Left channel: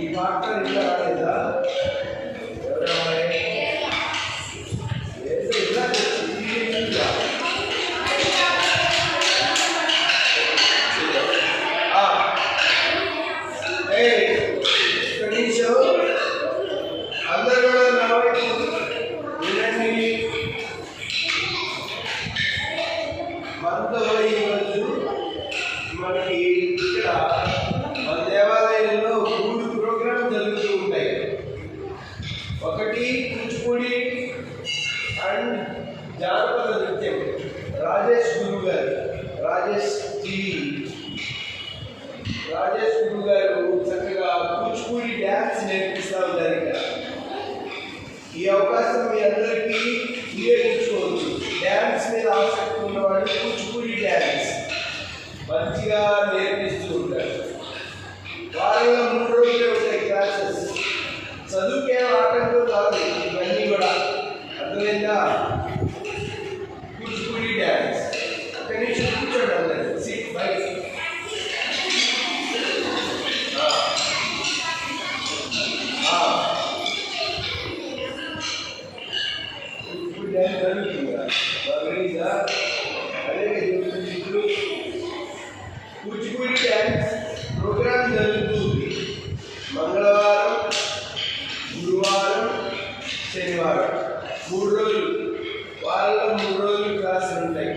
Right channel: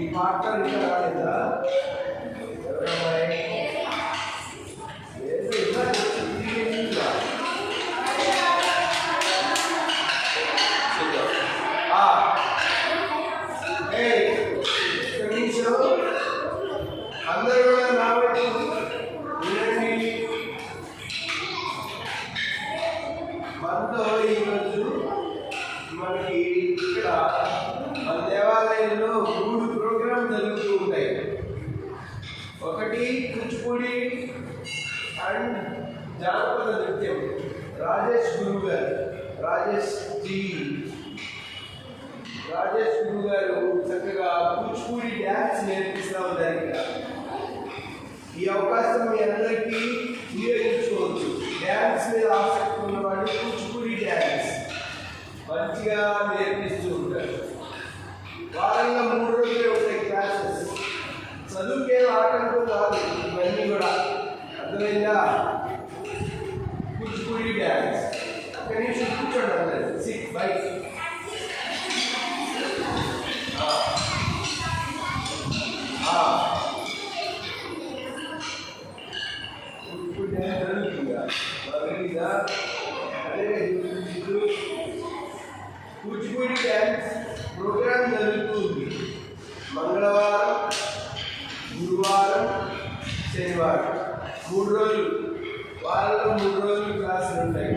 ఈ పాట ఇంకా రాలేదా? అందరూ కూడా నా వైపు వినండి. మనతో ఈరోజు మనకి ఇక్కడ మన దేవాలయంలో 3 ప్రోగ్రామ్ జరుగుతూ ఉంటాయి. ఒకటి కూచిపూడి అండ్ జానపద నృత్యం. రాజేష్ గురువు గారు చక్కగా కూచిపూడి డ్యాన్స్ నేర్పిస్తూ ఉంటారు. ఇక్కడ ఈ అవకాశం మీ అందరికీ వినియోగించుకోవచ్చు. డ్యాన్స్ మీద ఆసక్తి ఉన్నవాళ్ళు కూచిపూడి డ్యాన్స్ మంచిగా నేర్పిస్తూ ఉంటారు. వారంలో 3 రోజులే ఉంటాయి క్లాసెస్. చదువుకే ఆటంకం కాదు, ఇవన్నీ కూడా అర్థమైందా? కూచిపూడి డ్యాన్స్ కనీసం కూర్చోండి అందరు. సిట్ బైక్ కూచిపూడి డ్యాన్స్ జరుగుతుందా? బాగా అదే కూచిపూడి డ్యాన్స్ ప్రోగ్రామ్ జరుగుతుంది మంగళవారం, గురువారం, శనివారం 3 రోజులు. వారంలో 3 రోజులు క్లాసులు ఉంటాయి.